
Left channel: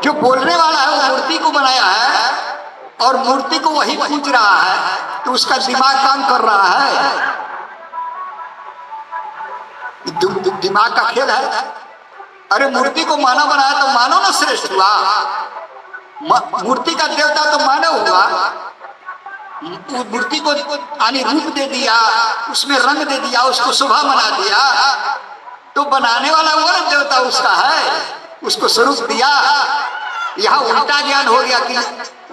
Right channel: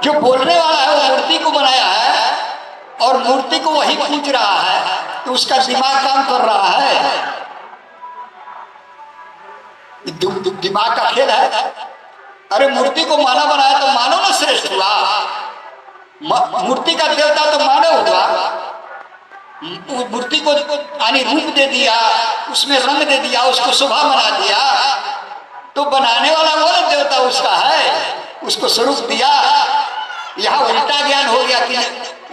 जो बोलने वाला है वो मूर्ति को बनाया है और मूर्ति को वही पूज रहा है, तो उसका दिमाग काम कर रहा है। दिमाग का खेल है। अरे मूर्ति को मानव बनाया तो मानव ना श्रेष्ठ हुआ। मूर्ति का देवता तो मानव हुआ। मूर्ति को यानी रूप दे दिया, उसमें रंग दे दिया, उसको शोभा बना दिया, तो बनाने वाला वो ना देवता उसका है, उसको स्वरूप दिया। यहाँ उल्टा ज्ञान हो गया कि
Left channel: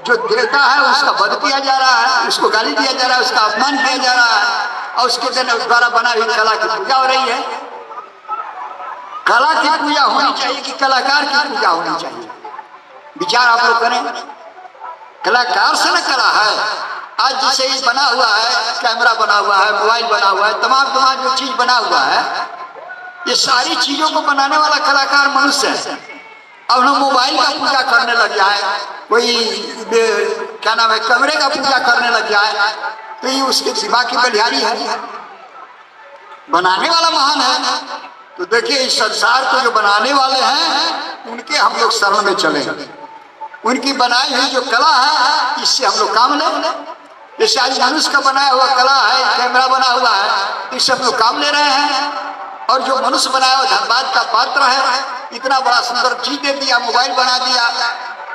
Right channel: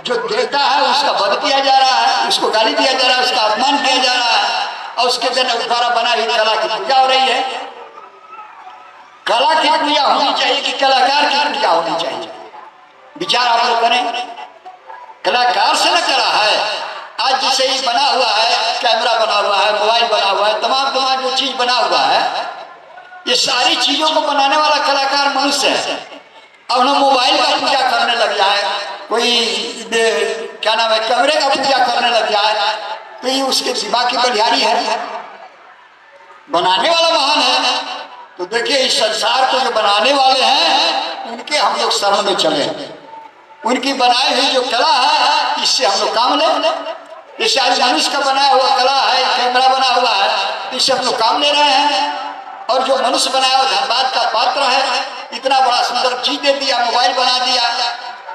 जो देवता है उसका वध किया जा रहा है, उसको गाली दिया जा रहा है, उसका अपमान किया जा रहा है, और उसके द्वारा बनाई हुई कला की पूजा हो रही है। कला की पूजा होनी चाहिए कि कलाकार की पूजा होनी चाहिए? विचार आप लोग करें। कलाकार से न कला है। आज जैसे ही बना हुआ है, कैमरा बना हुआ है, मोबाइल बना हुआ है, तमाम जो चीज बना हुआ है, ये सारी चीजों को बनाने वाला कलाकार मनुष्य है। अब हम मोबाइल का पूजा करने लग जाए, कोई क्या नाम है कैमरे का पूजा करने लग जाए, तो ये उसके दिमाग की बलिहारी है। बनाने वाला महान है। तो देखिए इस संसार को जो बनाने वाले हैं उनके हम लोग शरण में चले, उनकी बनाई हुई जो कला है इससे हम लोग काम लें। जैसे आज मनुष्य का बनाया हुआ कला है, कैमरा बना हुआ है, इससे हम लोग काम ले रहे हैं। और जो मनुष्य बनाया हुआ धनबाद का पात्र है, इतना बड़ा सुंदर चीज दे दिया, मोबाइल बना दिया,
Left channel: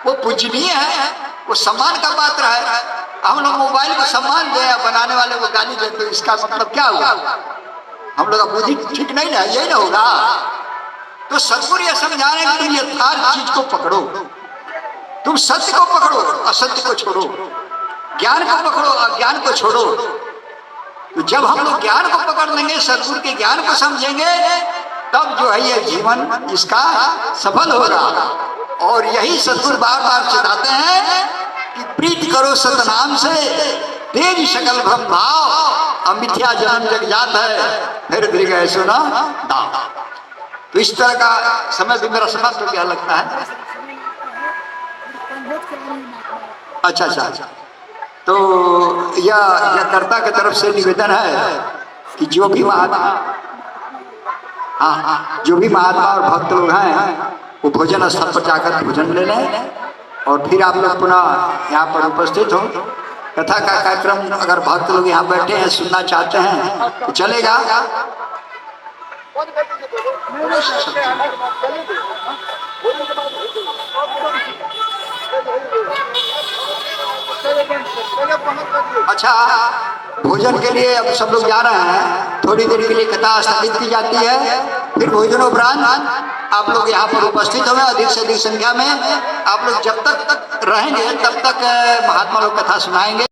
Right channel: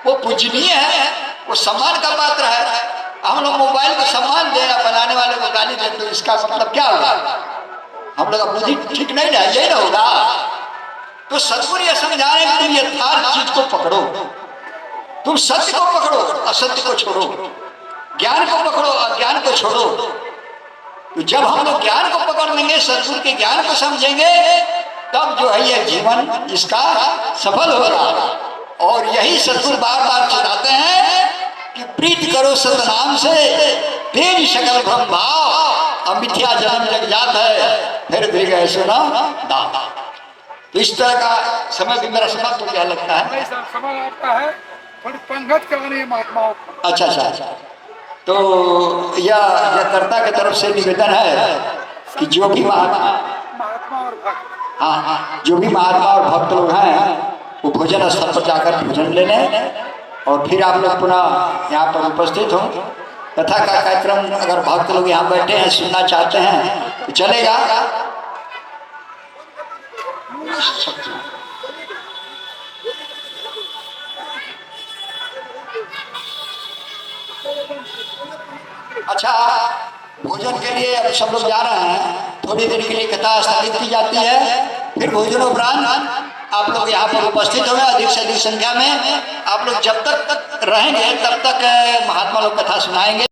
वो पूजनीय है, वो सम्मान का पात्र है। हम लोग मोबाइल को सम्मान दें, बनाने वाले को गाली दें, तो इसका मतलब क्या होगा? हम लोग का बुद्धि ठीक नहीं है, यही ना होगा। तो सदगुरु ये समझा रहे हैं कि तुम यथार्थ चीज को पकड़ो, तुम सत्य को पकड़ो, असत्य को छोड़ो, ज्ञान को पकड़ो, अज्ञान को छोड़ो। तो जब हम लोग ज्ञान को पकड़ लेंगे, सदगुरु के ज्ञान को समझेंगे, तब जो है ये जीवन इसका सफल होगा। और यही सदगुरु बार बार चिताते हैं कि प्रीत करो सतनाम से, तेज सकल भ्रम भाव, अमिथ्या जन्म जग जात है, फिर भी गए सुना दाव। तो इस तरह का समय भी मेरा समाप्त तो क्या लगता है? समय आपका है, पंगत कर रही है महात्माओं। अच्छा अच्छा अच्छा। तो यह कर्ता की तरफ से निवेदन है कि जो भी महात्मा और भक्त, हाँ, जो भी महात्मा और भक्त लोग हैं वो भोजन स्थल पर जाकर भोजन ले लें, और फिर आप लोग पुनः यहाँ पर उपस्थित हो। कथा का कार्यक्रम अगर भक्त लोग यहाँ बैठे हैं, सुनना चाहते हैं तो चलेगा। अच्छा, भोजन के लिए अब सब लोग जा रहे हैं, थोड़ी देर के लिए कथा स्थगित की जाती है, फिर भोजन उपरांत आप लोग यहाँ पर उपस्थित होंगे अधिक से अधिक संख्या में। आप लोग जब तक रहेंगे तब तक महात्मा लोग कथा सुनाएंगे।